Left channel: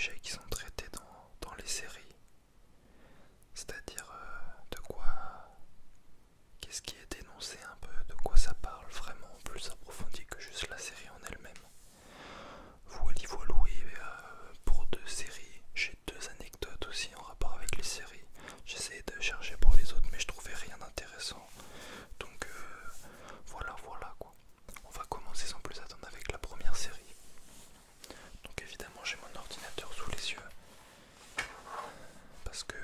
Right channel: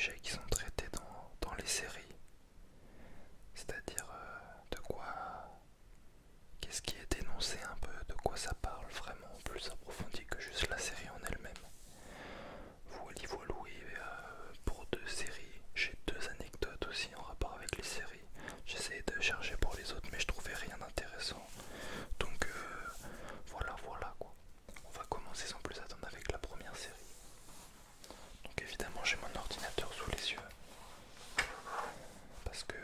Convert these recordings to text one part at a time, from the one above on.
sujets qui sont traités dans les séries. C'est-à-dire de quoi, qu'est-ce qui est dénoncé un peu, de quoi ça parle vraiment plus approfondi que juste la série en elle-même. Voilou, et pour deux séries, j'ai deux anecdotes aussi en rapport avec les séries. J'essayais de chercher pour les autres mais je trouvais rien d'intéressant. Donc voilà quoi. On va commencer sans plus attendre avec la première série. Donc évidemment j'ai mon ordinateur sous les yeux. Parce que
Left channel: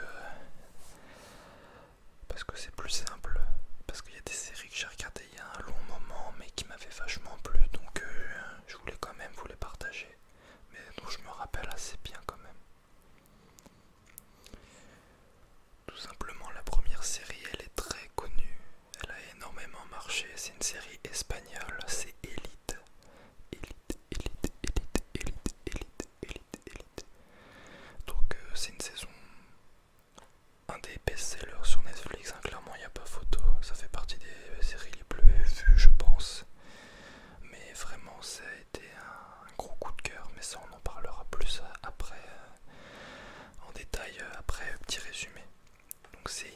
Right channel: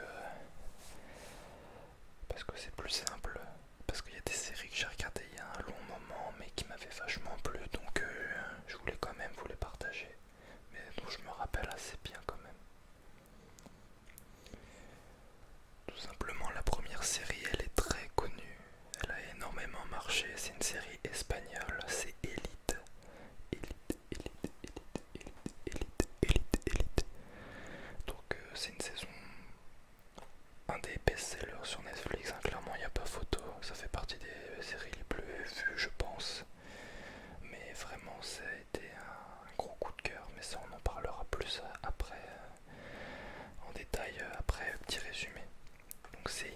c'est plus simple. Parce qu'il y a des séries que j'ai regardées il y a un long moment mais qui m'avaient vachement plu. Donc je voulais quand même vous les partager. Mais dont je me rappelle assez bien quand même. Tout simplement la première série elle est très connue. Elle a énormément marché. C'est une série espagnole. C'est Elite. Donc c'est une saison, un des best-sellers sur Netflix, hein, clairement il n'y a pas photo, ça fait partie des séries les plus vues je pense, mais vraiment ça a été un gros coup de cœur, mais ça on en parlera plus après, en détail après petit résumé. Donc c'est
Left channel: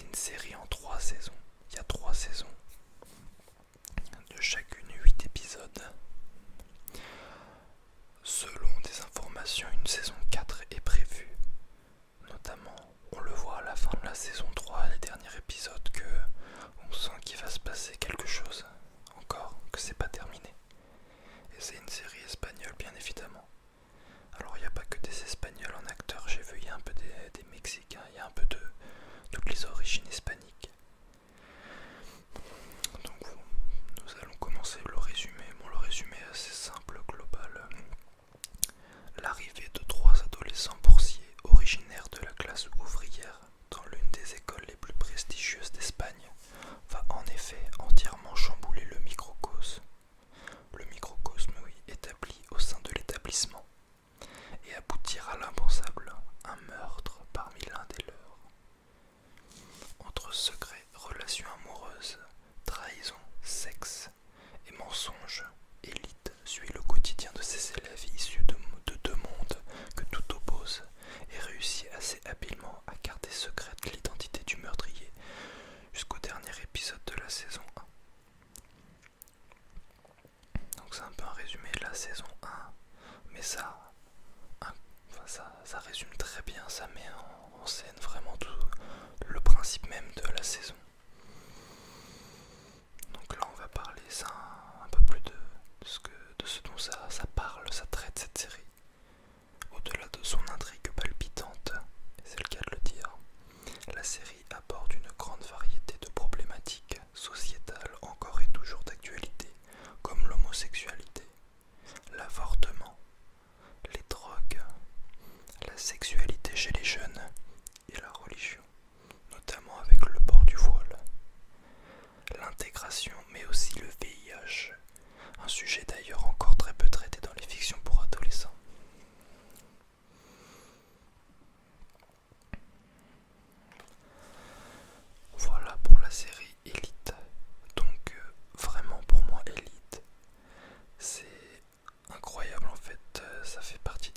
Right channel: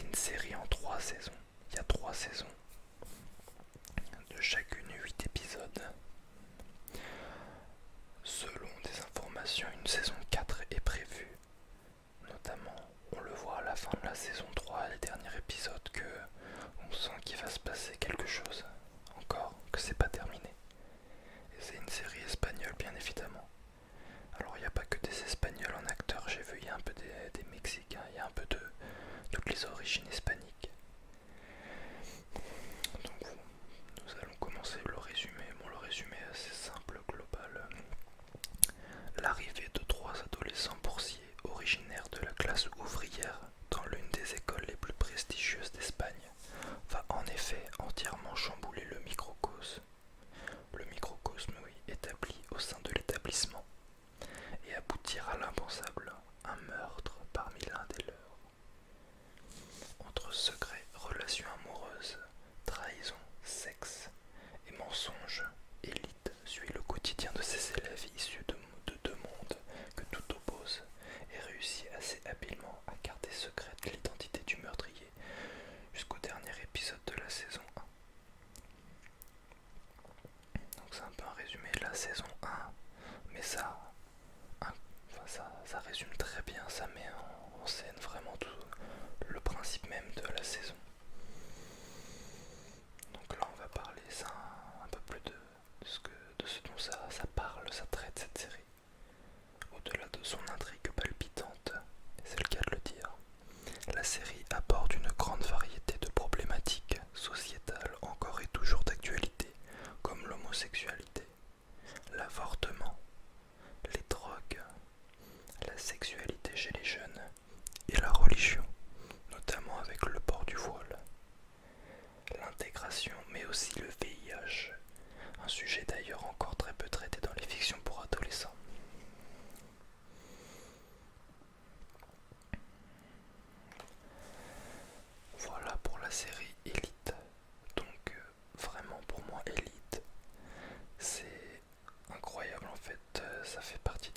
une série en 3 saisons, il y a 3 saisons, de chacune 8 épisodes. Selon des informations, une saison 4 est prévue. Notamment, on le voit à la fin de la saison 3, les derniers épisodes, que on sent qu'il va se passer quelque chose. Encore, que c'est pas terminé. Et c'est une série espagnole, bien évidemment. Alors, il n'y a pas que des Espagnols en acteurs, j'ai vu, il y a un peu des Mexicains, il y a un peu de toutes les origines hispaniques. Donc, nous allons commencer le résumé. Bon, le résumé est assez simple, global. L'arrivée de 3 adolescents boursiers originaires de la classe ouvrière dans l'une des écoles les plus prestigieuses d'Espagne va en effet entièrement chambouler le microcosme. Le microcosme, oui, établi au sein de l'établissement, et aboutir à l'impensable, un meurtre parmi l'un des leurs. Entre secrets, relations amoureuses, trahison, sexe et mensonges, Élite suit le quotidien de ses élèves issus de deux mondes que tout oppose et réussit assez habilement à garder secrète l'identité du meurtrier jusqu'au dernier épisode de la saison 1. Donc c'est un peu un résumé de la saison 1, mais ça résume très bien, ça met en scène vraiment tout le principe même de la saison. Donc là on va parler ça un peu plus de ce dont ça parle, ça traite cette série. Au-delà de son intrigue palpitante, et c'est le cas de le dire, la série aborde une grande variété de problématiques sociétales encore et toujours d'actualité, comme l'homosexualité, l'avortement, les drogues, la sexualité chez les jeunes et la religion, notamment avec le port du voile, l'intégration mais aussi le VIH, un sujet d'ailleurs encore très peu traité dans les fictions pour adolescents. Voilà pour la série Elite. Donc vraiment pour moi Elite, c'est incroyable en fait. Ça fait partie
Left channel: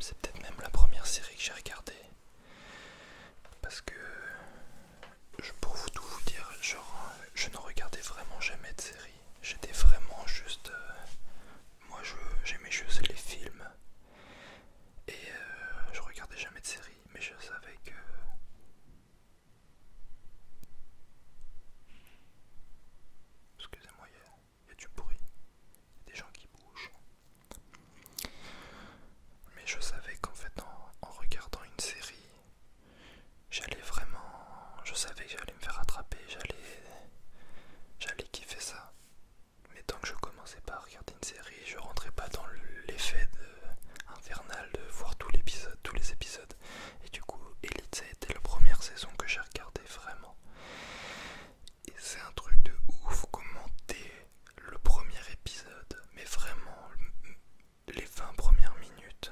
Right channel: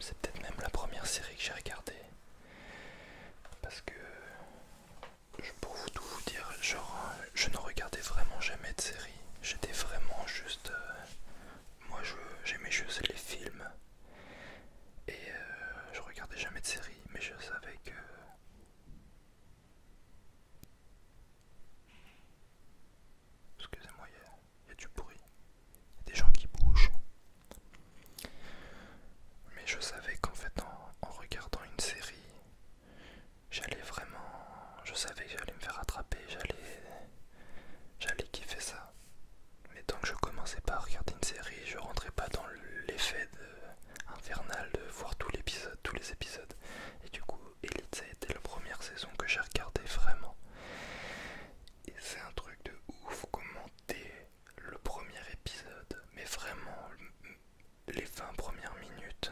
c'est peut-être même la première série que j'ai regardée. Parce que pour tout vous dire, genre je ne regardais vraiment jamais de série. J'étais vraiment juste moi j'aimais juste les films. Et je regardais jamais de série, mais je savais que excusez-moi, il y a du bruit, il y a des gens qui bougent. Mais je savais qu'en fait, en regardant une série, je savais que j'allais me faire attraper, j'allais kiffer ça. Mais tant que je commençais pas à regarder une série, je rentrais pas dans l'effet infernal de voir tous les épisodes. Et du coup, Elite, ça a été la première saison que j'ai regardée vraiment. Et c'est un truc de ouf commenter le premier épisode, mais vraiment les 20 premières minutes,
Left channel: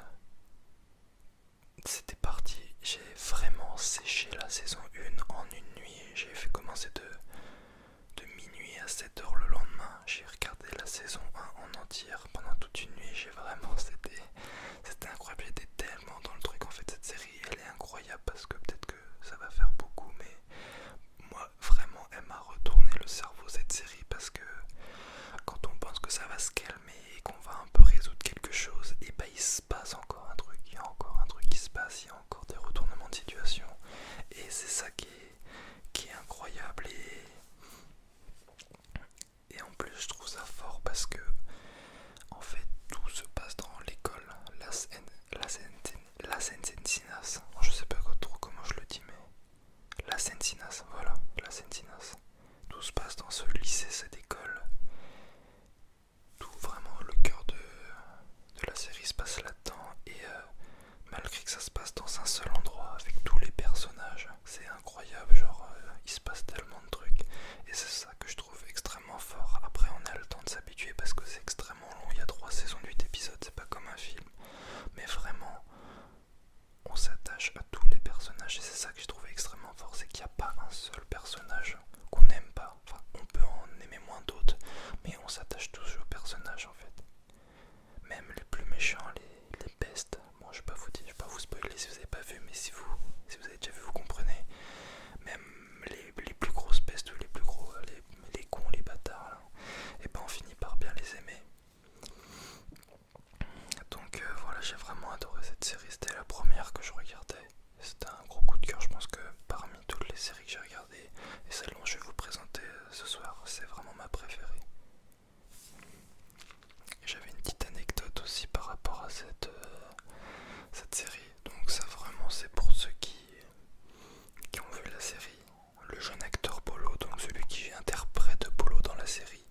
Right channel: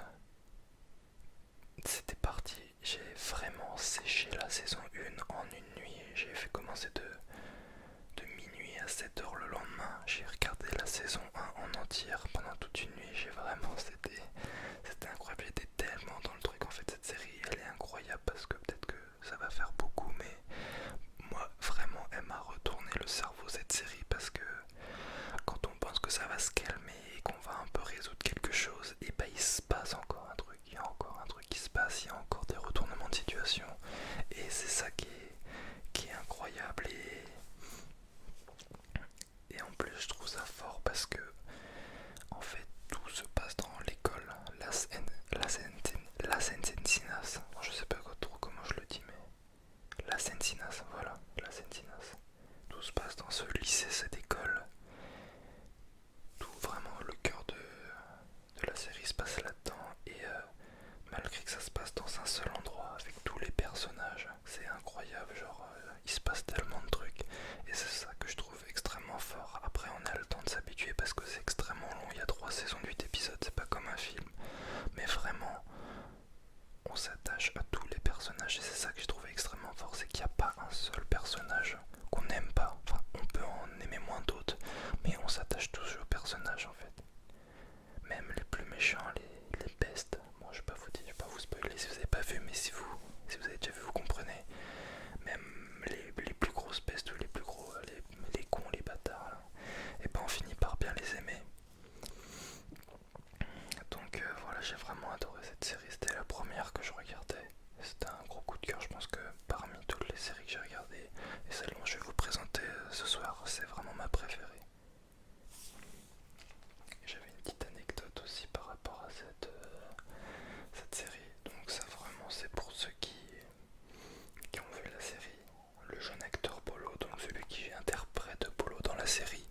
c'était parti. J'ai vraiment séché la saison 1 en une nuit. J'ai fait commencer de minuit à 7h le lendemain. J'ai regardé la saison 1 en entière pendant toute une nuit. C'était un spoiler si vous n'avez pas vu, mais si vous avez déjà vu, vous comprenez. Même les plus grosses pestes ou les plus gros, les cons, les bâtards, là, et ben on finit par bien les aimer. Donc voilà, j'ai vraiment adoré cette série, c'était la première que je regardais. C'était un gros coup de cœur, je pense que parmi toutes les séries que j'ai regardées, et celle dont je vais vous présenter ce soir, c'est vraiment ma préférée. J'avais une petite anecdote aussi par rapport à cette série. Donc ça vraiment c'est pour ceux qui ont vu la série. Le jeune acteur Polo, donc celui qui interprète Polo dans la série,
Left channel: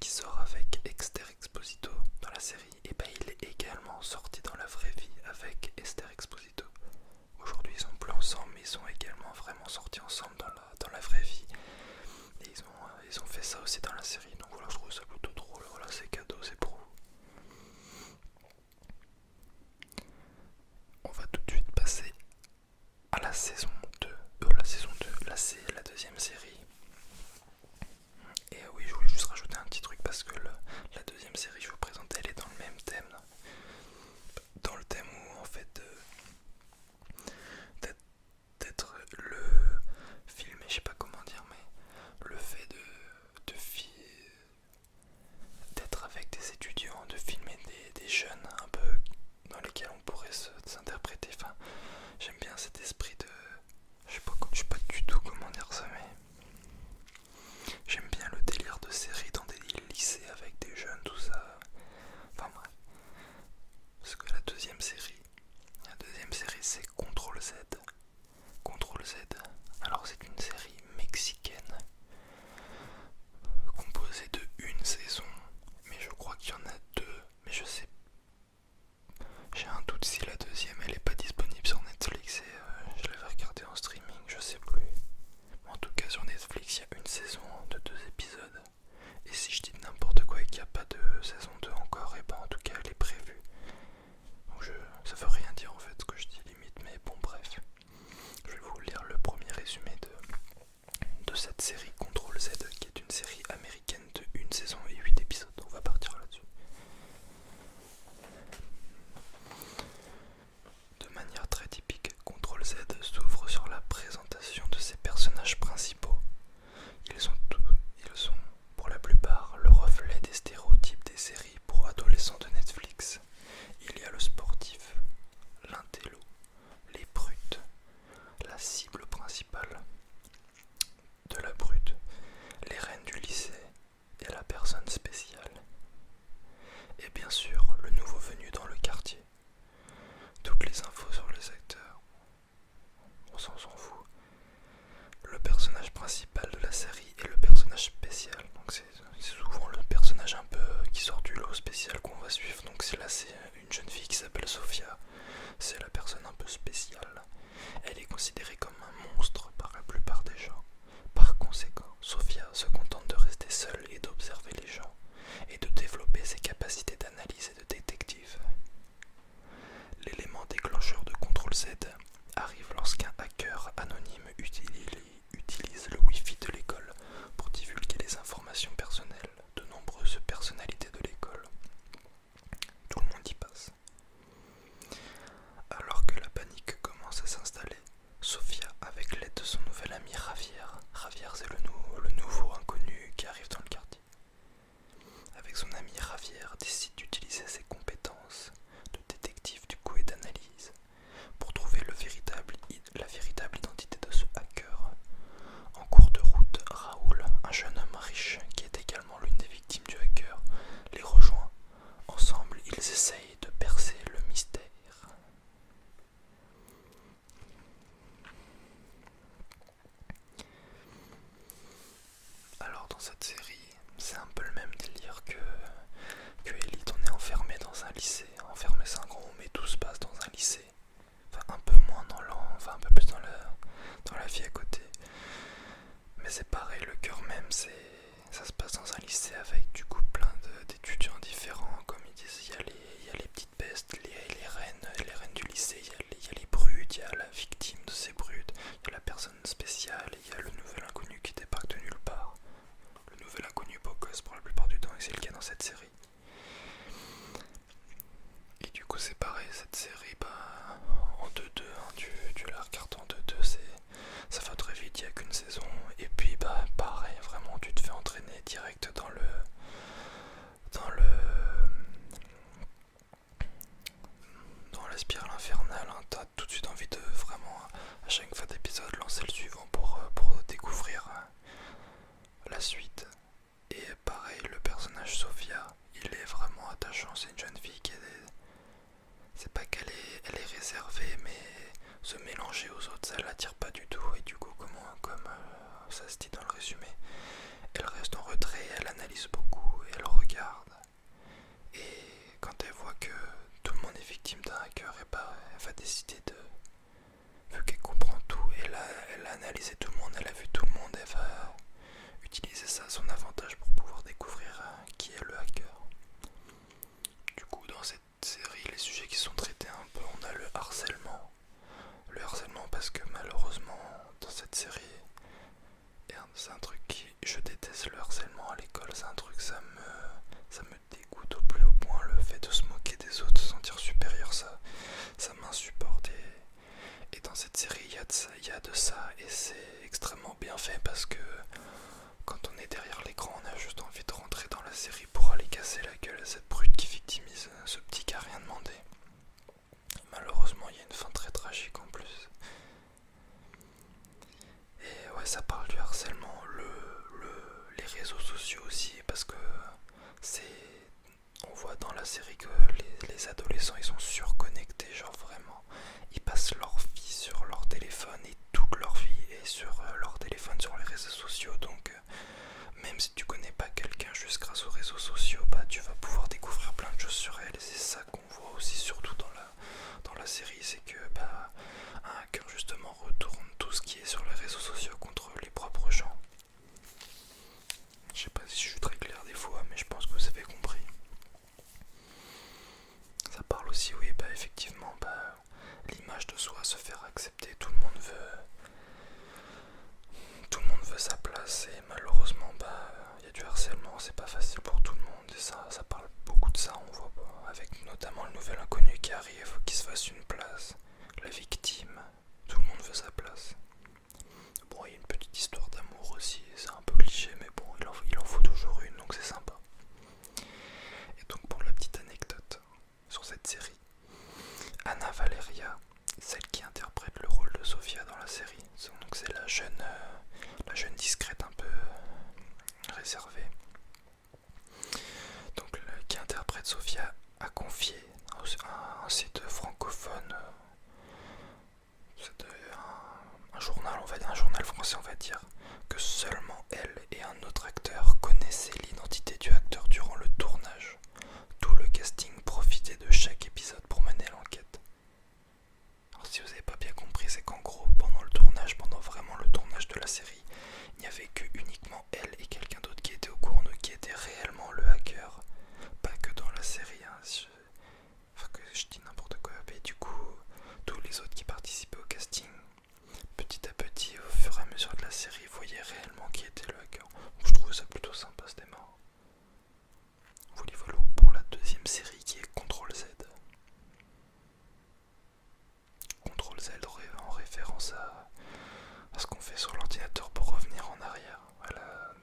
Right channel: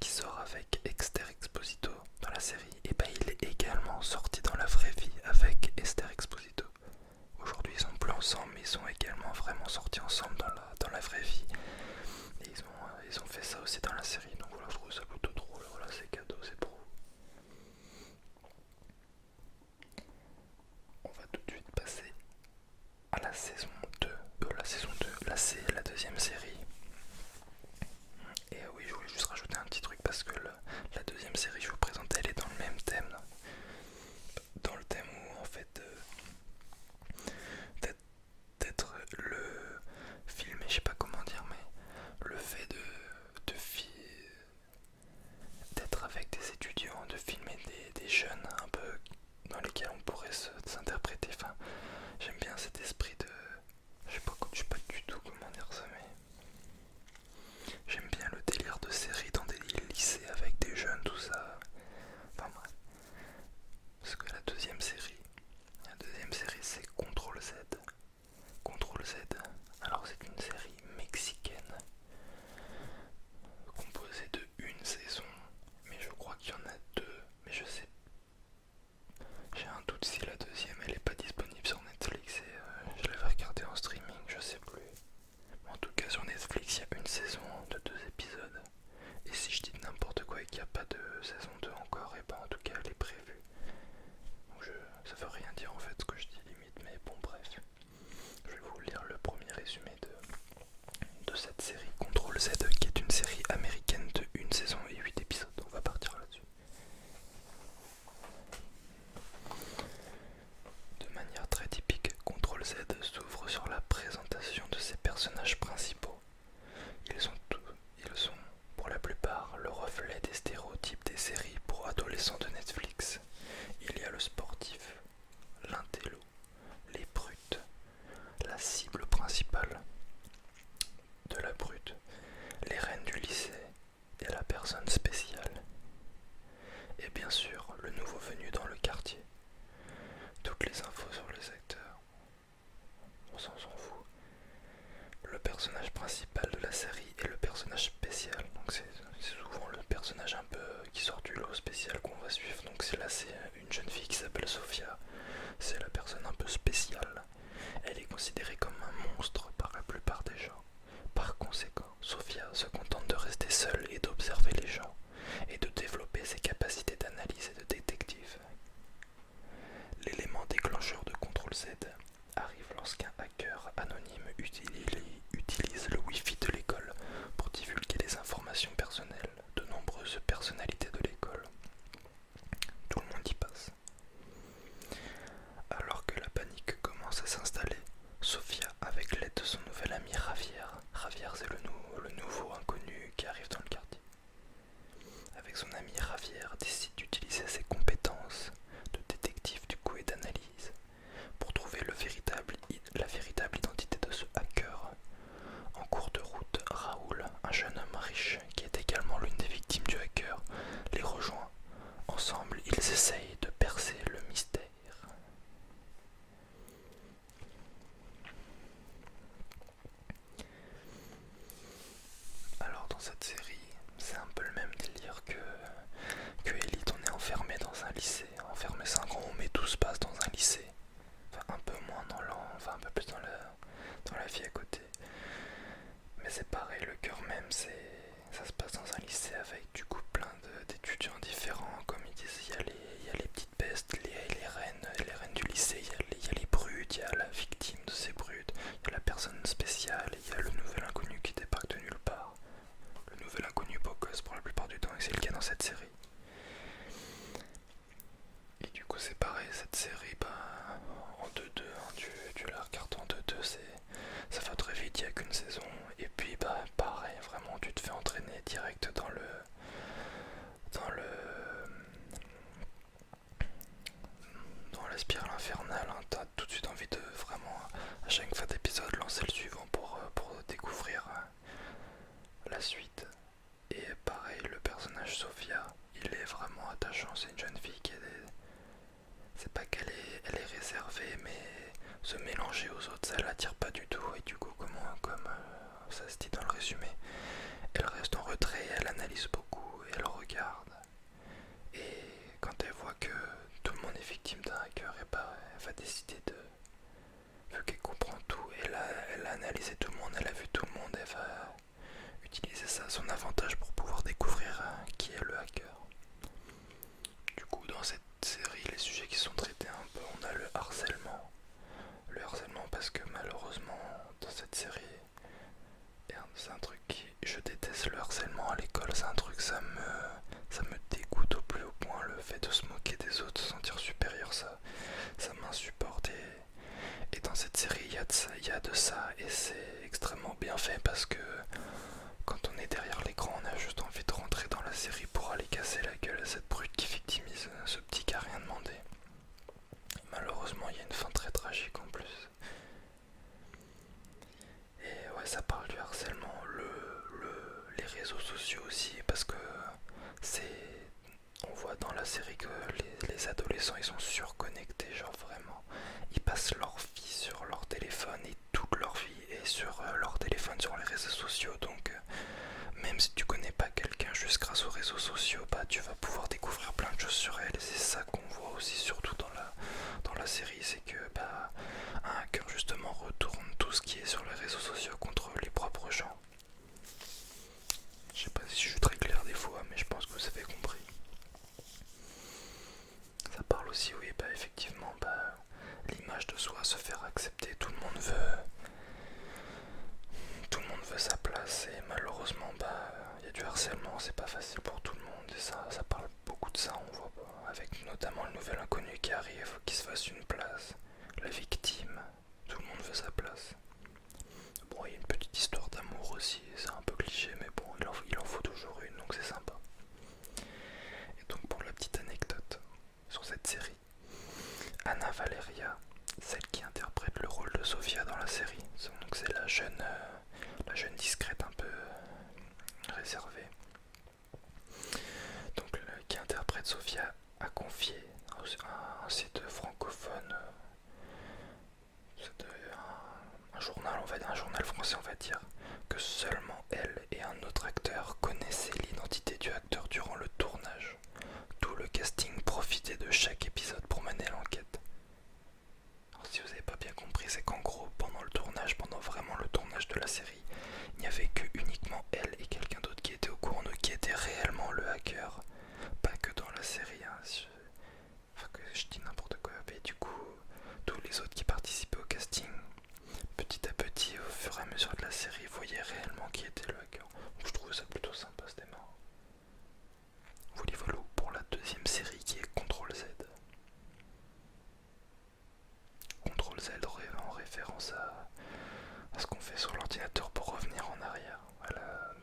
qui sort avec Esther Exposito dans la série, et ben il est également sorti dans la vraie vie avec Esther Exposito. Aujourd'hui ils sont plus ensemble, mais ils sont également vraiment sortis ensemble dans la vraie vie. Et ils ont fait ça aussi dans la série, donc voilà, je trouve ça plutôt drôle. Voilà, c'est cadeau, c'est pour vous. On va tout de suite passer à la saison 2. Là c'est la deuxième série. Et oui, je voulais juste rajouter un petit truc parce que la deuxième série que je vous présente, elle est dans le même thème. Dans le thème où en fait d'être le filmé, je sais pas comment dire, mais le fait d'être avec des étudiants, de filmer des jeunes un peu dans lesquels on pourrait s'interpréter. Enfin, j'aime bien cet esprit de... Je sais pas du tout comment dire ça, mais j'aime bien le délire de série dans des lycées avec des jeunes, tout ça. Enfin bref. Parce que la deuxième série c'est Contrôle Z. Contrôle Z. Alors c'est une série mexicaine composée de une saison, mais je crois qu'il y en a deux, mais je sais. J'ai un doute si la deuxième elle est pas disponible sur Netflix et je l'avais regardée en streaming, je sais plus. En tout cas sur Netflix il y a une saison de 2 épisodes. Et si je dis n'importe quoi et qu'il n'y a pas de saison 2 encore, et ben en tout cas elle est prévue. Donc ça veut rien dire en fait ce que je dis limite, mais bon bref. Je vais vous lire le premier résumé de cette série Contrôle Z, qui est une série américaine de une saison et 8 épisodes. On va partir là-dessus. De manière très typique, Contrôle Z s'ouvre sur la présentation de ses personnages principaux. Ils sont pour la plupart le reflet des stéréotypes des séries pour adolescents de Netflix. Il y a le sportif, l'intello, les brutes, la cible principale de la brute, les reines du lycée et la personne spéciale. Et bien sûr, le nouveau venu dans le quartier. Toutes les infos sur les acteurs, on s'en fout. Le personnage principal de la série est le personnage spécial. Donc c'est souvent le personnage un peu qui sort du lot spécial qu'on va suivre. Donc là c'est une jeune fille qui s'appelle Sophia. C'est la personne un peu spéciale. Elle est considérée comme un monstre par la plupart des gens. Par conséquent, Sophia se contente de rester seule et d'observer les gens, et de développer ses capacités d'analyse et de détective. L'élément déclencheur de Contrôle Z arrive lorsqu'un hacker anonyme utilise le Wi-Fi de l'école pour divulguer les informations personnelles de nombreuses personnalités de l'école. Tout le monde y passe. Alors que la panique commence à s'installer, Sophia, avec l'aide de son nouvel ami Javier c'est le nouveau inconnu qui arrive dans le quartier. Avec son ami Javier, décide d'utiliser ses c'est pareil, cette série, en 2-2, hein, tu la regardes en 2-2, ça va très vite, il n'y a qu'une saison. Et puis pareil, vraiment tu te fais entraîner direct dans le dans la spirale infernale, hein. T'as tout de suite envie de vraiment à chaque fin d'épisode lancer le suivant pour découvrir la suite. Et pareil, le personnage Sophia, il est vraiment attachant. C'est une jeune fille c'est pas elle est réservée, mais se mélanger aux autres, ça l'attire pas du tout. Et du coup, comme ça se dit dans le résumé, elle reste en retrait, elle analyse beaucoup, et elle regarde. Et quand elle voit que tout le monde est victime d'un hacker, et elle va décider vu qu'elle comprend tout, elle a analysé tout le monde, elle a vu tout le monde, elle va utiliser ça à son avantage pour pouvoir découvrir qui est le hacker. Du coup, dans cette série, les sujets qui sont traités un peu, on a le harcèlement. Le harcèlement parce que malheureusement, dans cette série, c'est un truc je déteste le harcèlement à l'école, c'est un truc, ça me dégoûte au plus haut point, le fait de se moquer des autres, se sentir supérieur, ça m'insupporte. Et dans cette série, il y a de ça, et c'est extrêmement bien fait parce que quand on est derrière l'écran, on a juste envie de rentrer dans la série pour aller casser la gueule à cette brute qui victimise ce petit qui a rien demandé. Malheureusement, il y a une fin très tragique en plus. Et ouais, ça parle du harcèlement, les réseaux sociaux aussi, parce que on voit dans la série que les adolescents, ils sont surconnectés, genre vraiment. Ils passent leur vie sur leur téléphone, et toute leur vie est sur leur téléphone, sur les réseaux sociaux. Donc même si tu connais pas quelqu'un, juste grâce aux réseaux sociaux, tu vas pouvoir découvrir plein de choses sur elle. Et c'est ça qu'on voit aussi, surtout dans la série, c'est que un hacker justement retourne tout ce qui est sur les réseaux sociaux contre les propres gens. Je sais pas si je suis très clair des fois, mais je pense que vous avez compris. Ça parle aussi, oui, effectivement, l'image de soi, se faire accepter. Tout le monde veut sa place, et malheureusement, il y a du harcèlement, c'est pas facile pour tout le monde, et ça parle beaucoup de ça. On voit avec notamment le nouvel inconnu qui arrive, faut qu'il se fasse une place. La victime, tout le monde veut sa place. Bon, il y a une petite histoire d'amour aussi, c'est un peu cliché, mais bon, il en faut toujours une, donc c'est sympa. Et donc pour la petite anecdote sur cette série, Anna Valeria, celle qui interprète le rôle de Sophia dans la série, donc c'est la jeune discrète un peu réservée, donc qui interprète Sophia, a confié à un site francophone, un journal, un journal français, on va dire, que seulement elle et un autre acteur connaissaient l'identité du acteur durant le tournage. Tout le casting profitait de chaque épisode pour mener l'enquête. Alors si vous n'avez pas bien compris, c'est qu'en gros, pendant vraiment le tournage de la série, il n'y avait que uniquement elle et quelqu'un d'autre qui était au courant, qui était réellement le hacker. Pas que dans la série, hein. Enfin que je dis n'importe quoi. Et du coup, tous les autres qui participaient au casting, petit à petit, au fur et à mesure de la série, voyaient réellement qui était le hacker. Donc je trouvais ça plutôt sympa, c'était marrant. Voilà pour la deuxième série qui est Contrôle Z. Contrôle Z en référence à ce qu'on fait sur l'ordinateur pour revenir en arrière. Voilà,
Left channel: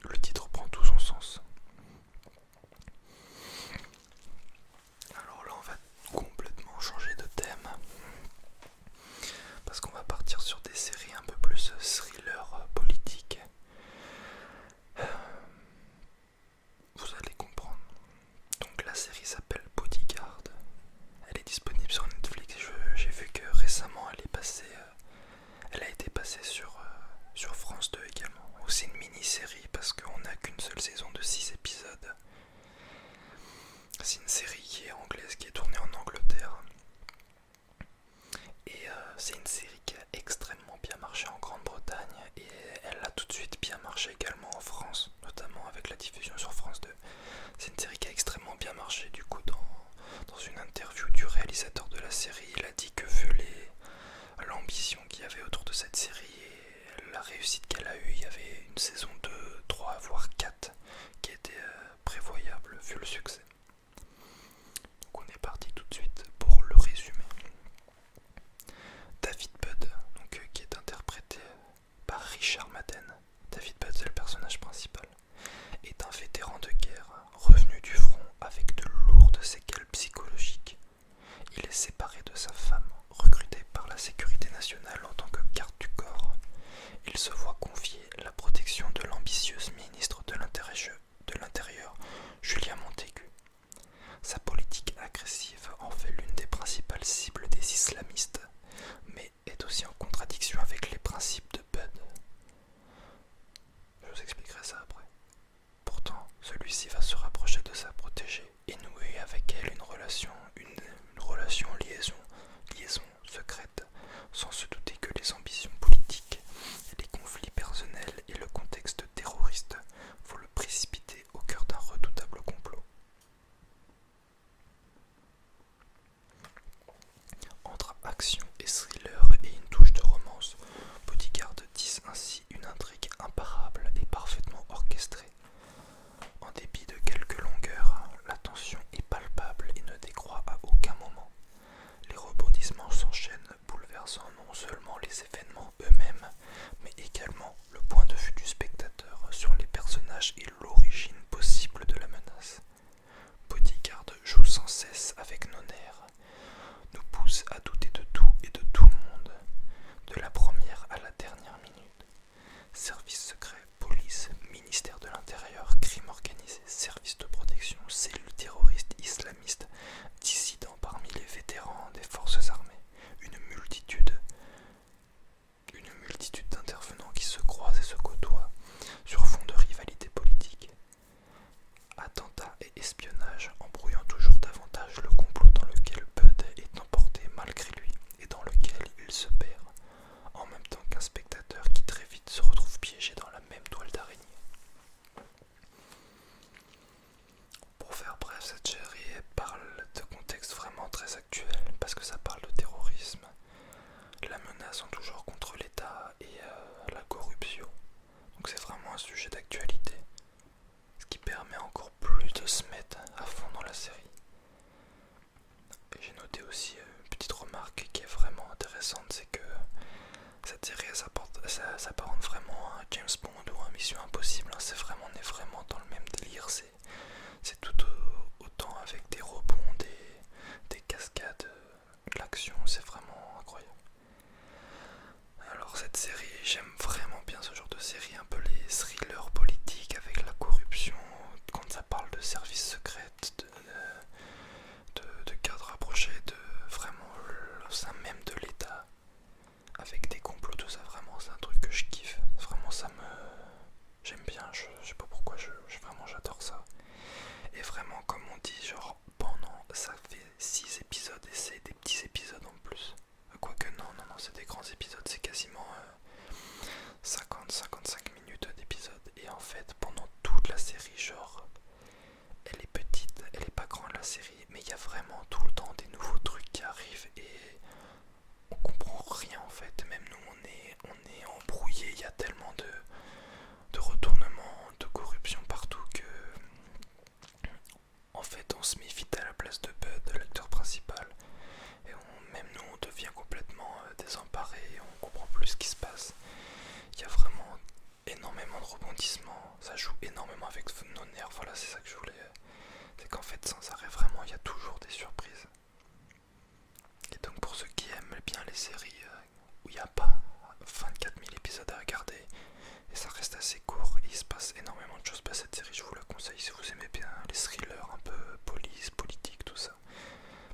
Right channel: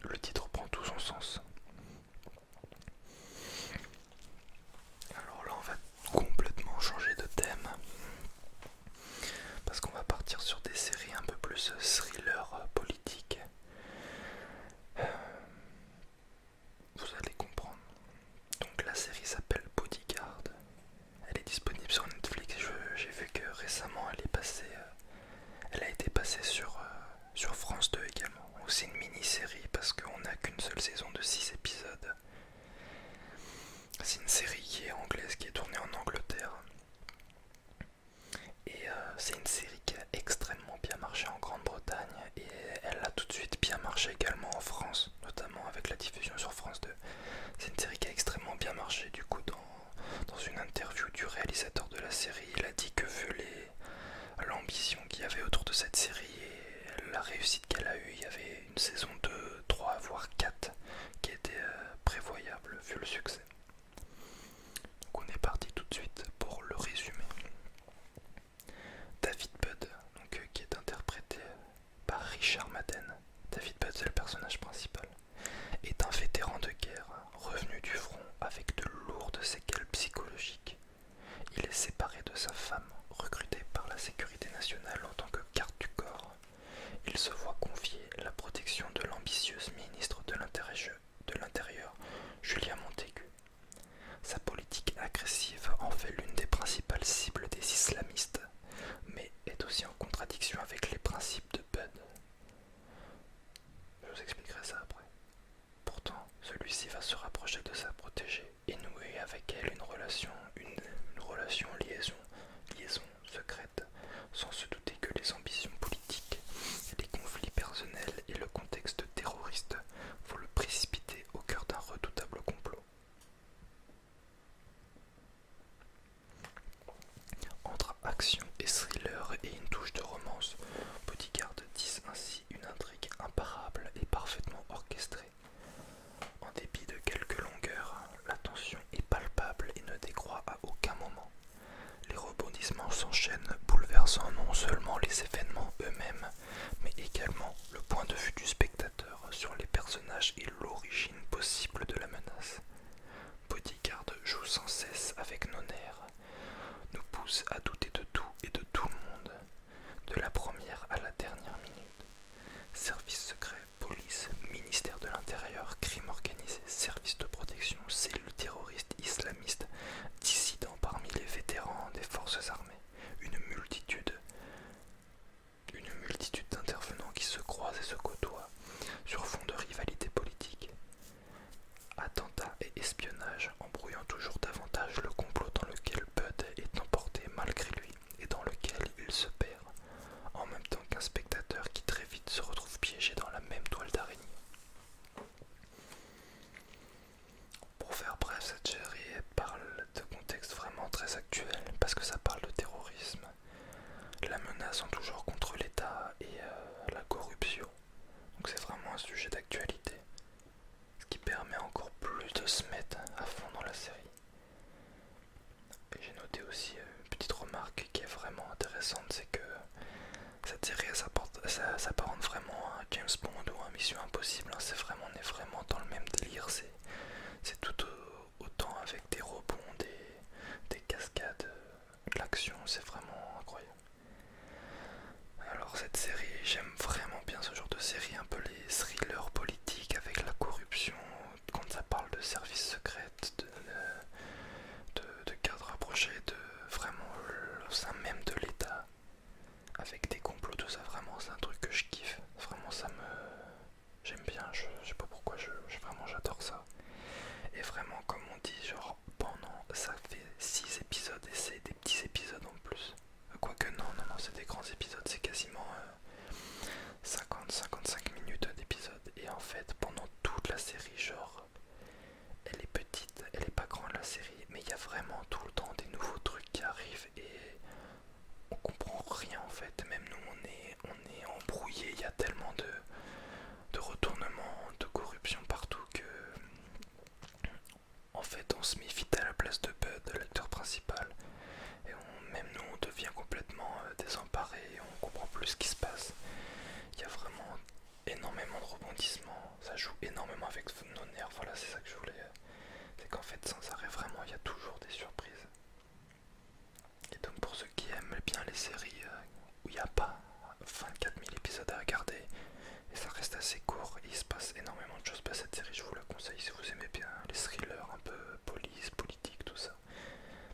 le titre prend tout son sens. Alors là, on va complètement changer de thème parce qu'on va partir sur des séries un peu plus thriller politique. Vous allez comprendre. Donc la série s'appelle Bodyguard. Elle est disponible sur Netflix. J'ai vu que récemment elle a été passée sur France 2 également. C'est une mini-série parce qu'on n'a qu'une seule saison de 6 épisodes. C'est une série qui est anglaise, qui est tournée en Angleterre. Et c'est une série qui a extrêmement bien marché en Grande-Bretagne, et elle a tout de suite bien marché également en France, notamment avec la diffusion sur France 2. C'est une série qui a extrêmement bien marché. Du coup, dans une interview du réalisateur de la série, il a dit que vu l'ambition qu'il y avait autour de cette série et la réussite qu'elle a eue, il y avait une saison 2, 3, voire 4 qui était prévoyable vu le succès. Donc on est parti tout de suite pousse à douter de tout et de tout le monde, de la première à la dernière minute. Service secret, police, ministère de l'Intérieur, crime organisé, service de protection, cellules terroristes islamistes, dissidents parmi les vétérans des forces armées, une multitude d'intervenants qui se croisent et se côtoient sur fond de rivalité politique. Attentats et espionnage embrouillant toujours davantage le complot dans lequel Bud est emporté malgré lui et dans lequel il se perd, en même temps qu'un spectateur qui très vite se retrouve piégé dans la même toile d'araignée. Pour faire bref, cette série parle de contexte vraiment très actuel parce que ça parle de terrorisme, la menace en toujours contre l'État et la corruption. Donc c'est vraiment un sujet d'actualité, ce qui permet encore plus de se mettre à fond dans la série. Et j'ai noté aussi une petite remarque qui est vraiment intéressante, c'est que cette série s'apparente vraiment à James Bond ou à Mission Impossible. On est vraiment dans le même délire. C'est tout autant avec des rebonds, des cascades, de l'action. C'est vraiment incroyable. Alors cette série, j'aime vraiment bien ce genre de série, un peu les thrillers politiques avec la corruption, quand ça parle de services secrets, de gardes rapprochés, de vraiment le sein même de l'État, avec des complots, tout ça, vraiment c'est un truc que je kiffe, vraiment j'aime bien, je sais pas pourquoi, vraiment j'adore ça. Et vraiment comme on dit, genre ça fait 6 épisodes et c'est des petits épisodes en plus. Quoique non, c'est des grands épisodes, c'est quasiment 50-55 minutes d'épisode. Et en fait, pendant toute la série, genre, elle est petite, elle est pas grande la série, mais il y a vraiment tout le temps des nouveaux trucs qui arrivent et on comprend rien en fait. Même nous, on est embrouillé, il y a tellement de retournements, de corruption partout que en fait, on se met vite à la place de Bud, l'acteur principal. Et même nous, on devient complètement désemparé et on comprend plus ce qui se passe. Il y a vraiment énormément de rebondissements, ça joue énormément avec nos nerfs, voilà, c'est ça que je voulais. C'est qu'en fait, sans arrêt, vraiment, il y a toujours des surprises. Et donc, pour ceux qui aiment bien les séries où il n'y a pas 24 000 épisodes à regarder et ça reste assez court et il se passe énormément de choses, cette série, je vous la conseille si vous aimez bien les thrillers un peu police, politique, tout ça.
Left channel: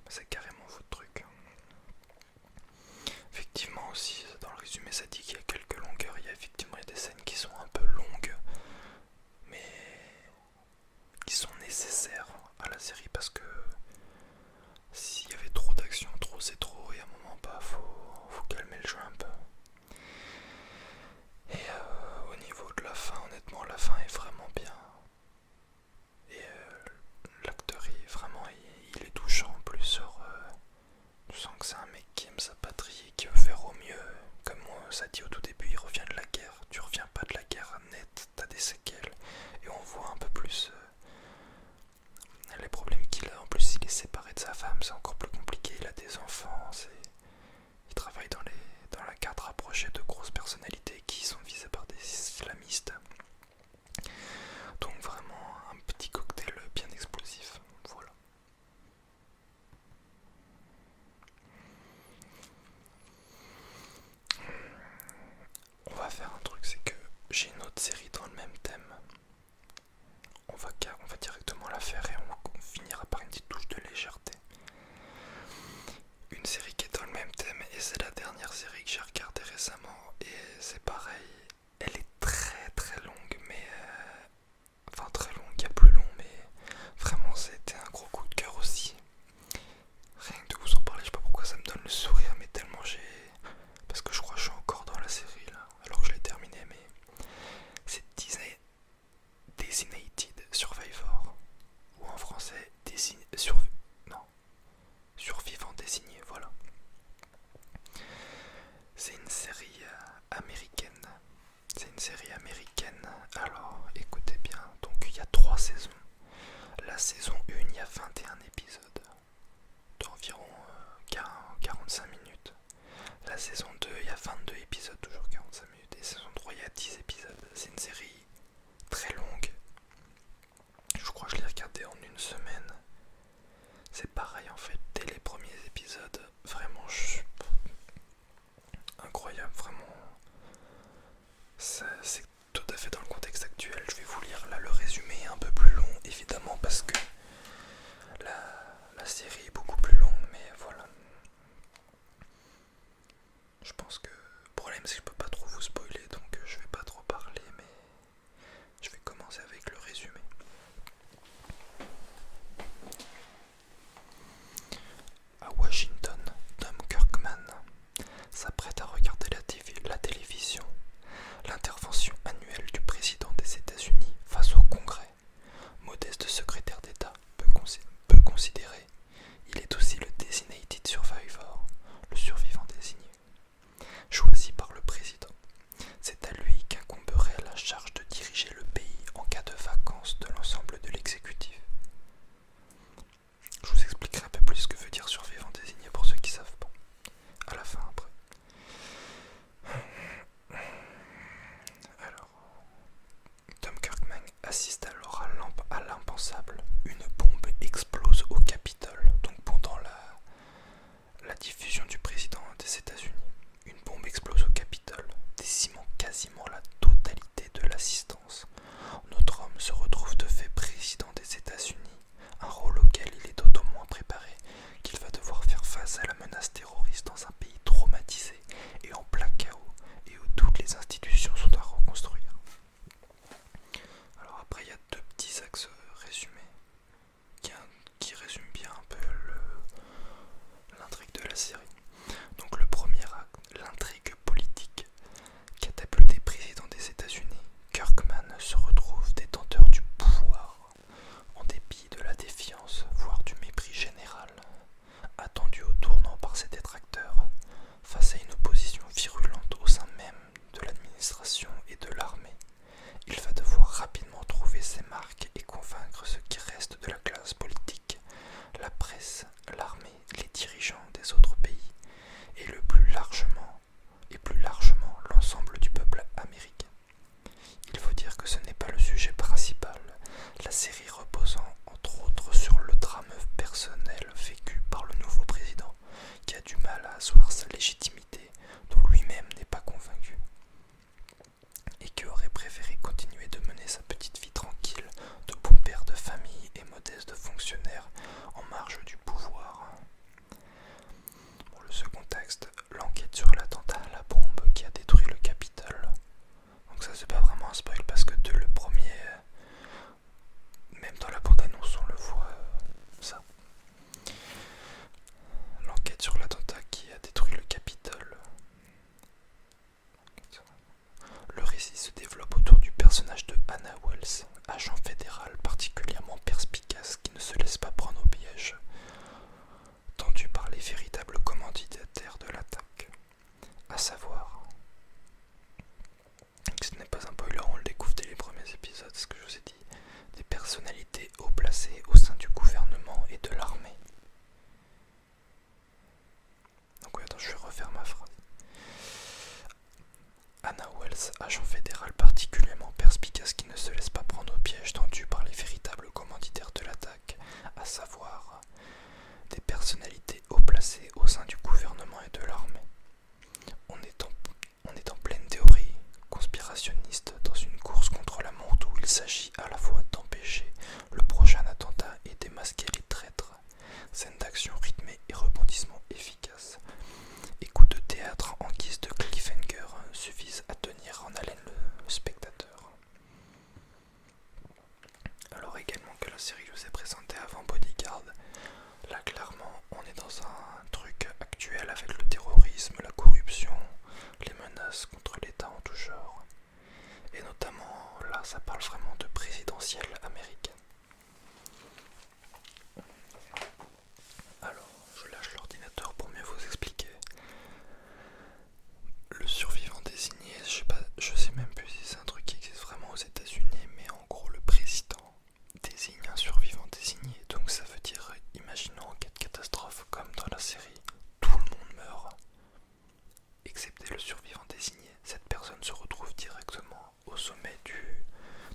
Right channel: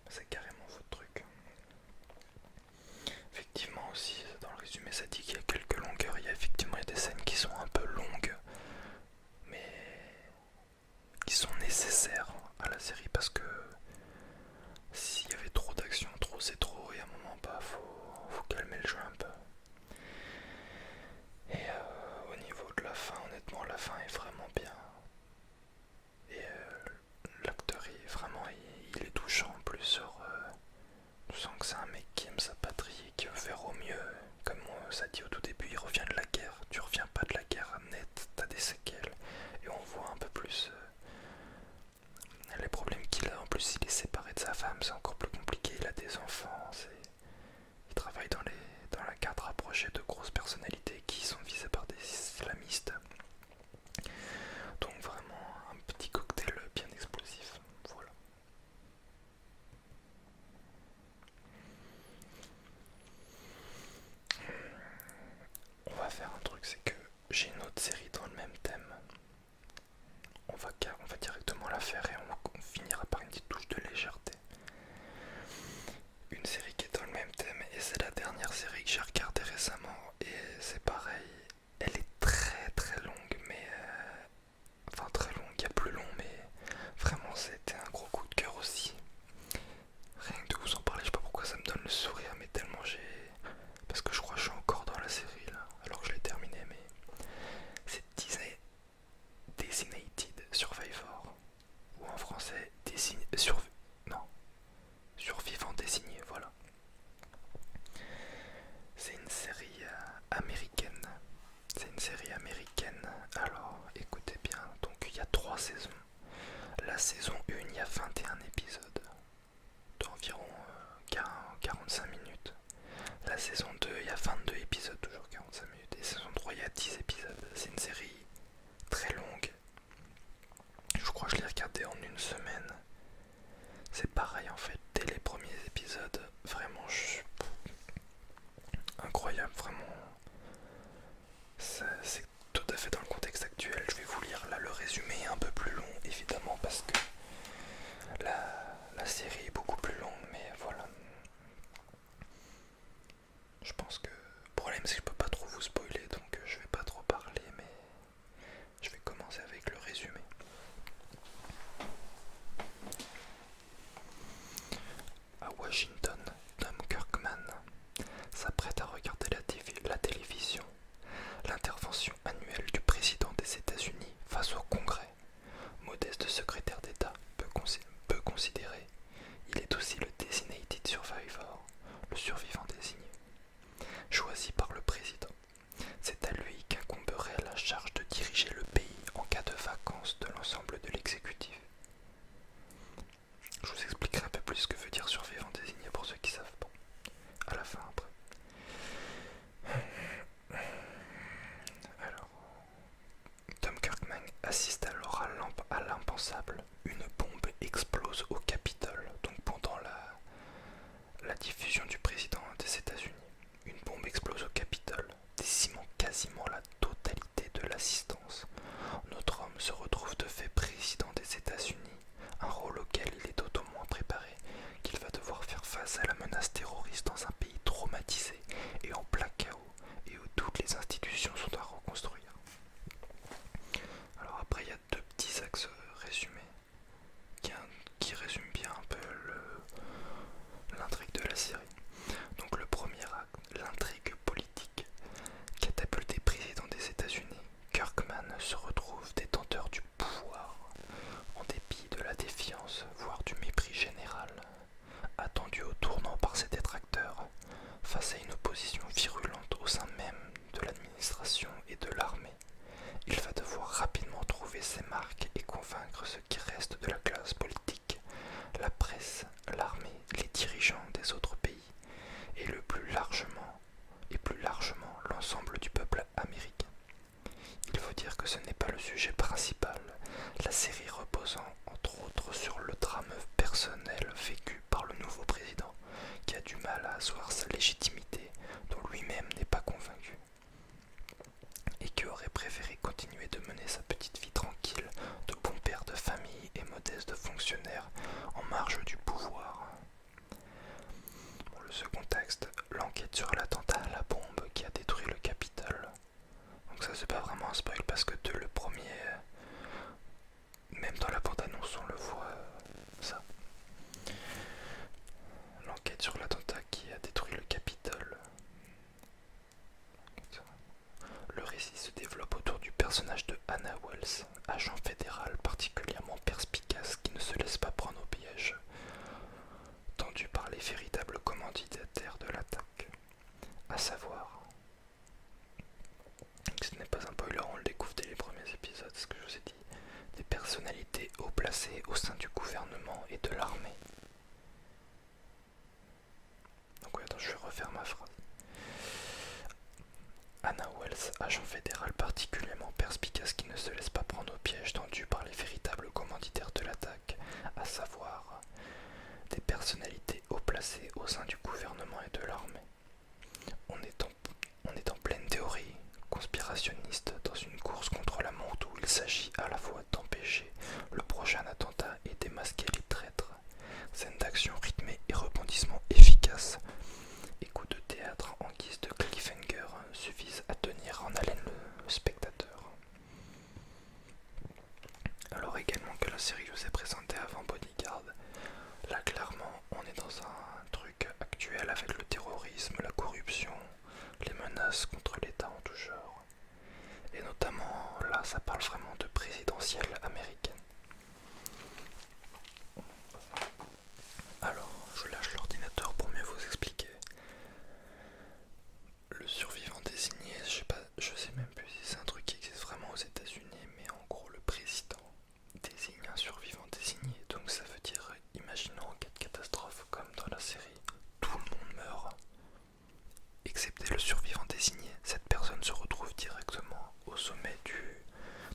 C'est carrément votre truc. Effectivement aussi, dans le résumé ça dit qu'il y a quelques longueurs, il y a effectivement des scènes qui sont un peu longues, mais qui sont nécessaires à la série parce que s'il y avait trop d'action, trop c'est trop, et à un moment faut calmer le jeu un peu. Et au niveau de la fin, honnêtement la fin est vraiment bien. Et l'acteur il est touchant en plus, tu sens que c'est un mec qui aime sa patrie et qui veut faire au mieux. Comme ça dit au tout début, il revient de la guerre. Tu reviens pas de la guerre net, t'as des séquelles. Et on voit un peu plus les problèmes qu'il a. En plus, il est séparé de sa femme, c'est encore plus compliqué. Il a des enfants. Il travaille dans la garde rapprochée de grosses personnalités qui sont visées par des islamistes. Donc vraiment un petit cocktail bien explosif. Voilà. On va faire un truc, c'est que j'ai une autre série dans le même thème. On va directement la faire et on finira par une petite touche de légèreté. Une série qui est dans le même thème et c'est la dernière série que j'ai regardée récemment et c'est pareil, elle est très très longue mais enfin très longue, il y a plus long mais vraiment c'était un gros coup de cœur aussi. Rien que de vous en parler, je sais pas pourquoi ça me donne le sourire mais tellement parce que je crois que je suis encore dans la série là, alors que je l'ai terminée, mais c'est Designated Survivor, ou en français Survivant désigné, voilà. C'est une série américaine. Alors écoutez bien, donc il y a 3 saisons. La saison 1, il y a 21 épisodes d'environ 45 minutes. Washington, Tom Kirkman s'apprête à regarder la télévision. L'intervention annuelle du président des États-Unis face au Congrès. Modeste secrétaire d'État peu considéré, il est aussi le Designated Survivor, le survivant désigné, choisi par le président. C'est à lui qu'incomberait la charge de diriger le pays en cas de vacance de l'ensemble de l'exécutif. Je vous expliquerai un peu plus ce que veut dire survivant désigné pour ceux qui savent pas. À la fin après. Alors, Tom Kirkman assiste alors à l'impensable. Une bombe explose au Capitole, donc pendant la diffusion du président des États-Unis. Une bombe explose au Capitole, décimant quasiment la totalité de l'assistance. Notre homme se retrouve de fait président des États-Unis, un rôle auquel il est d'autant moins préparé qu'il va devoir faire face à la menace terroriste dans un pays traumatisé et en plein chaos, et où toutes les institutions sont à reconstruire. Alors après, il y a deux petits axes résumés qui résument bien un peu l'intrigue de la série. Donc le premier acte, l'intrigue politique. Catapulté président des États-Unis, Kirkman se retrouve détenteur du pouvoir, en dépit de la défiance, voire du mépris général, attendu au tournant par ses détracteurs, face à une opposition virulente au sein même de l'administration et de l'armée. Il va devoir rapidement trouver ses marques et convaincre ce qui reste de la classe politique, la presse, l'armée, les dirigeants des autres pays, et plus largement l'ensemble du peuple américain. Il faut dire que ce n'est pas le sujet principal, la série reposant entre autres sur le drame personnel vécu par le nouveau président, qui a du mal à asseoir sa légitimité, dont lui-même n'est pas convaincu, et qui aurait préféré continuer de mener sa petite vie tranquille, de bon père de famille et modeste fonctionnaire en marge du pouvoir. Pour le second texte, l'enquête sur l'attentat à la bombe qui a détruit le Capitole. Donc ça c'est pas vraiment un spoil parce que le premier, même dans la bande-annonce on le voit, ça. L'enquête sur l'attentat qui a détruit le Capitole. Le récit se développe autour du personnage de Hannah Wells, agent fédéral particulièrement perspicace qui ne se laisse pas prendre au piège, tendu par les véritables commanditaires de l'attaque, à savoir, ce n'est pas un spoiler, on le découvre dès les premiers épisodes, ce que je vous ai dit, des personnalités haut placées au sein du gouvernement et de l'armée. Donc oui, attends, je vais refaire ma phrase. Hannah Wells, agent fédéral particulièrement perspicace qui ne se laisse pas prendre au piège, tendu par les véritables commanditaires de l'attaque, à savoir des personnalités haut placées au sein du gouvernement et de l'armée. On est en pleine théorie conspirationniste dans une course contre la montre où il s'agit à la fois d'empêcher le prochain attentat et démasquer les traîtres. Scène d'action rythmée et rebondissement efficace. Et coups de théâtre en guise de cliffhanger suffisent à tenir en haleine le spectateur. Alors également que la série que je vous ai présentée avant Bodyguard, là clairement on est dans un truc actuel avec le terrorisme, la corruption, les menaces contre l'État en tout genre. Et notamment là ça parle vraiment de présidentielle américaine. Alors je lâche l'ordinateur pour mieux vous expliquer. Le survivant désigné, je sais même plus si c'est un truc qui existe vraiment aux États-Unis, mais en gros le président désigne un survivant désigné. Donc ça veut dire, imaginons en cas de catastrophe comme dans la série, tout le monde meurt, excepté le survivant désigné. Cette personne se retrouve directement au sommet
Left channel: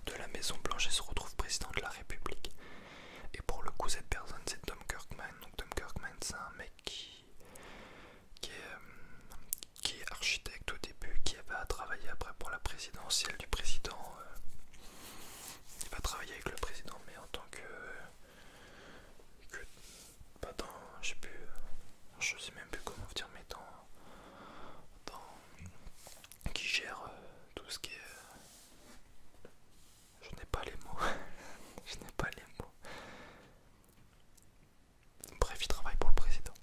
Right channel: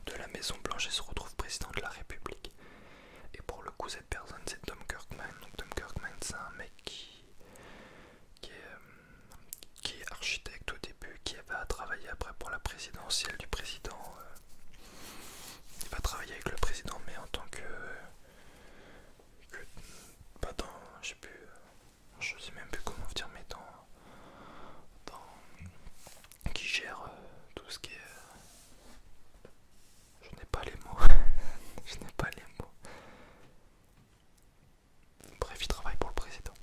de la Maison Blanche et se retrouve président de la République. Et pour le coup cette personne c'est Tom Kirkman. Donc Tom Kirkman c'est un mec qui est architecte au début, qui va travailler après pour la présidentielle du président. Il va travailler avec le président, mais en tant que pas dans, je sais même plus comment vous dire, mais dans qui gère tout ce qui est, je n'ai pas les mots, je n'ai pas les mots. Bref, il travaille pour le président.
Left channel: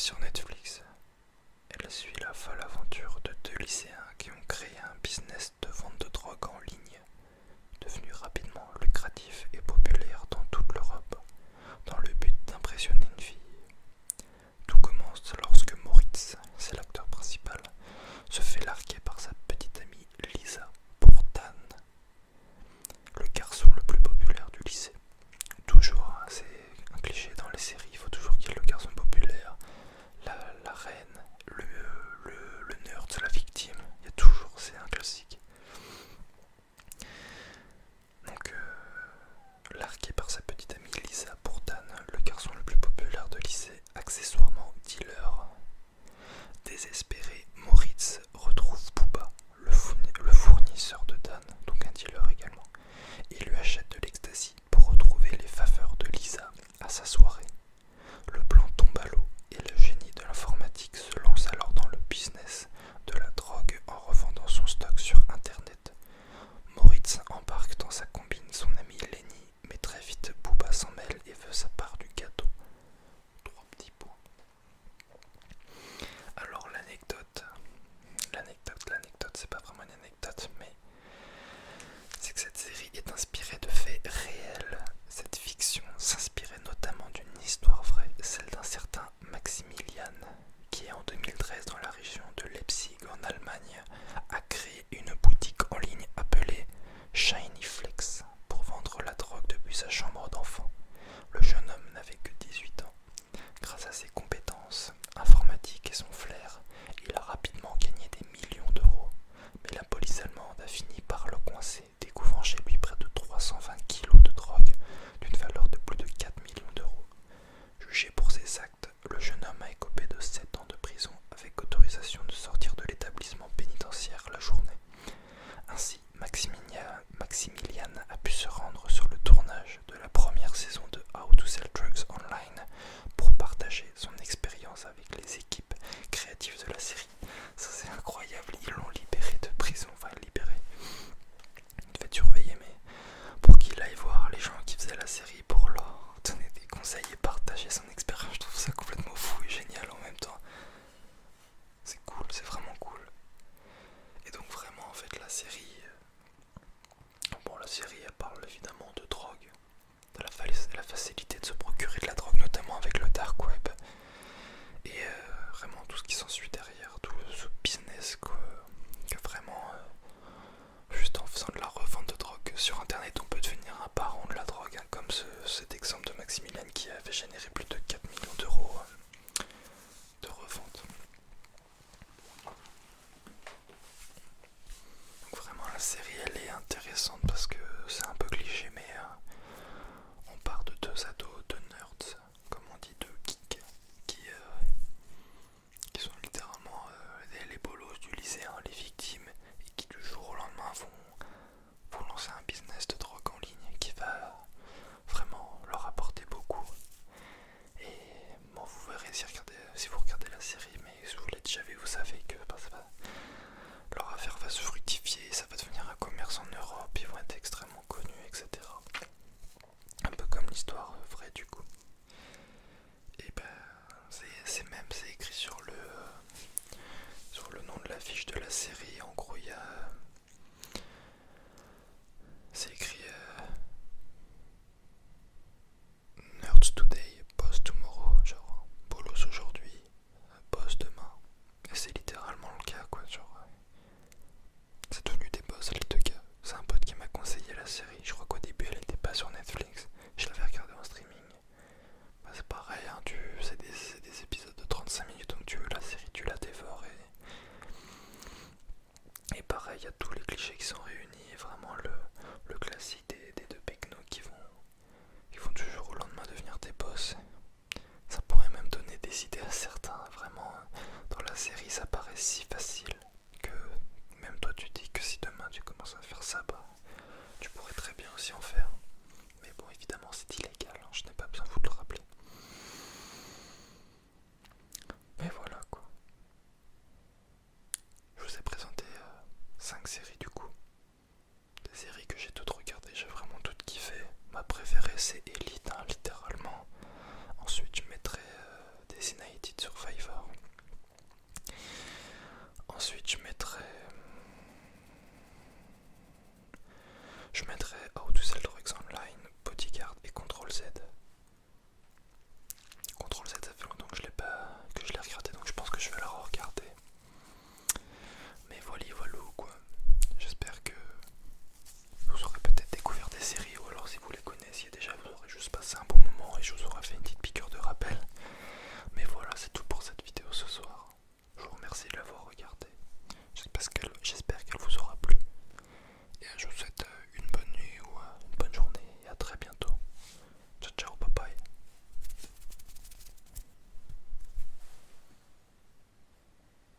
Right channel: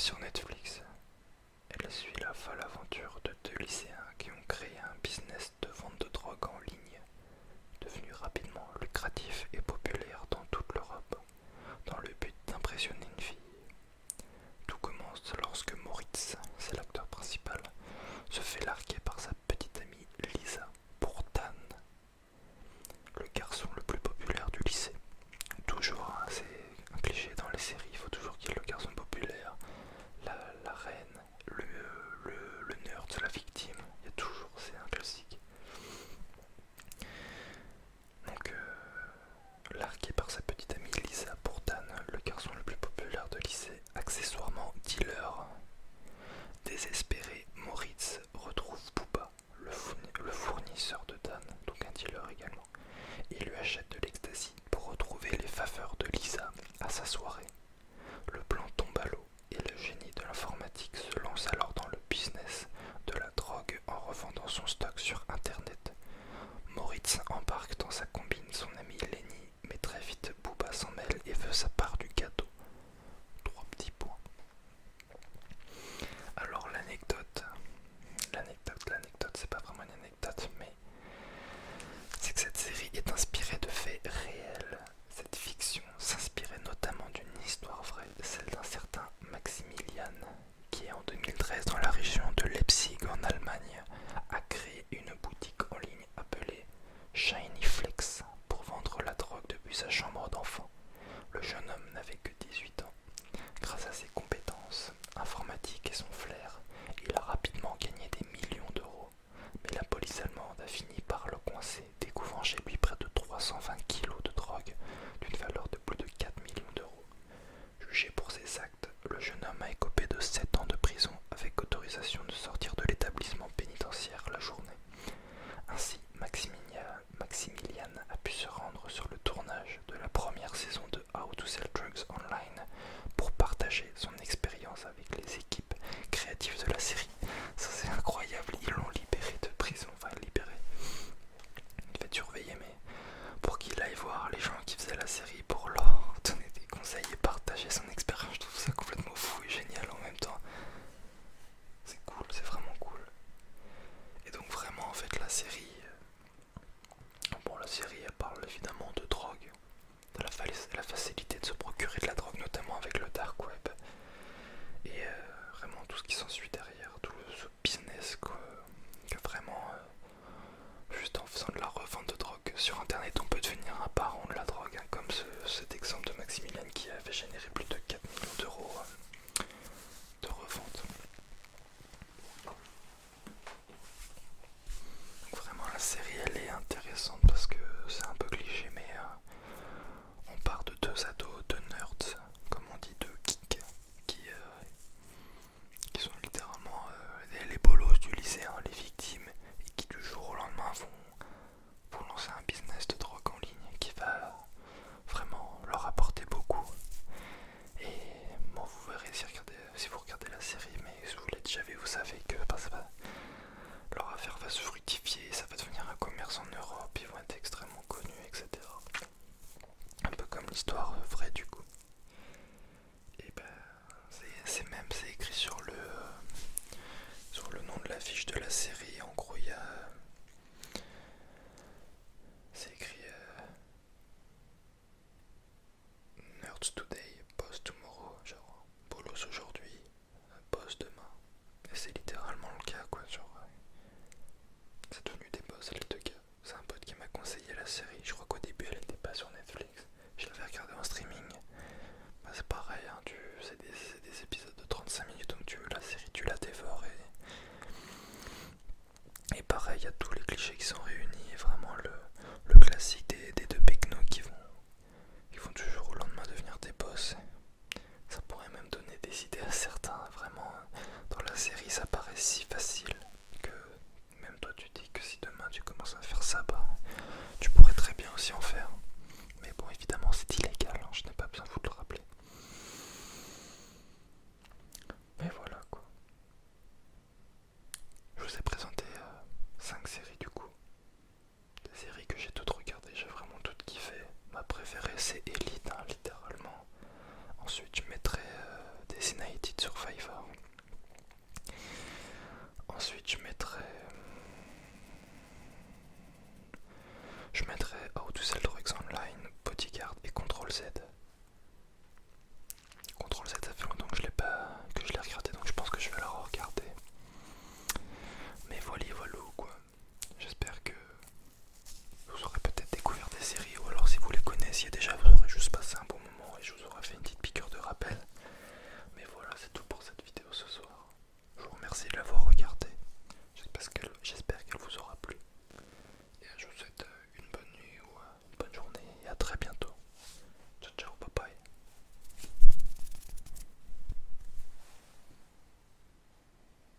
sur Netflix. Elle suit la folle aventure de deux lycéens qui ont créé un business de vente de drogue en ligne, devenu rapidement lucratif et populaire dans toute l'Europe, dans le but d'impressionner une fille. Tout commence lorsque Moritz, c'est l'acteur principal, se fait larguer par sa petite amie Lisa pour Dan, le garçon le plus populaire du lycée. Toujours, hein, c'est un cliché dans les séries, il faut toujours qu'il y ait le garçon populaire, la reine, le nerd, la victime, il y a toujours, c'est un classique. Donc, largué par sa petite amie Lisa pour Dan, le garçon le plus populaire de lycée, accessoirement dealer. Désespéré, Moritz retrouve Booba, le fournisseur de Dan, donc un dealer également, et lui achète de l'ecstasy pour retrouver les faveurs de Lisa à sa soirée. Le plan tombe à l'eau et le génie de l'informatique se lance alors dans le business de la drogue en revendant son stock sur internet. Moritz embarque dans sa combine son ami Lenny, mais très vite Booba s'en mêle et veut sa part du gâteau. 3 petits points. Alors l'anecdote, c'est pas vraiment une anecdote, mais c'est que cette série est inspirée de faits réels. Cette fiction s'inspirait notamment d'une histoire vraie, celle d'un certain Maximilian, qui en 2013 dans la région de Leipzig en Allemagne a créé une boutique en ligne appelée Shiny Flex pour vendre la drogue depuis sa chambre d'enfant. Le jeune homme n'avait que 18 ans. Grâce à ses compétences informatiques et son flair, il a rapidement gagné des millions d'euros. Mais la police allemande a fini par le coincer, découvrant chez lui près de 320 kilos de drogue d'une valeur de plus de 4 millions d'euros. Jugé pour ses actes, le jeune homme a écopé de 7 ans de prison avec autorisation de sortir de l'établissement pénitentiaire la journée. Ainsi, Maximilian a pu se rendre sur le tournage de la première saison de How to Sell Drugs Online pour partager son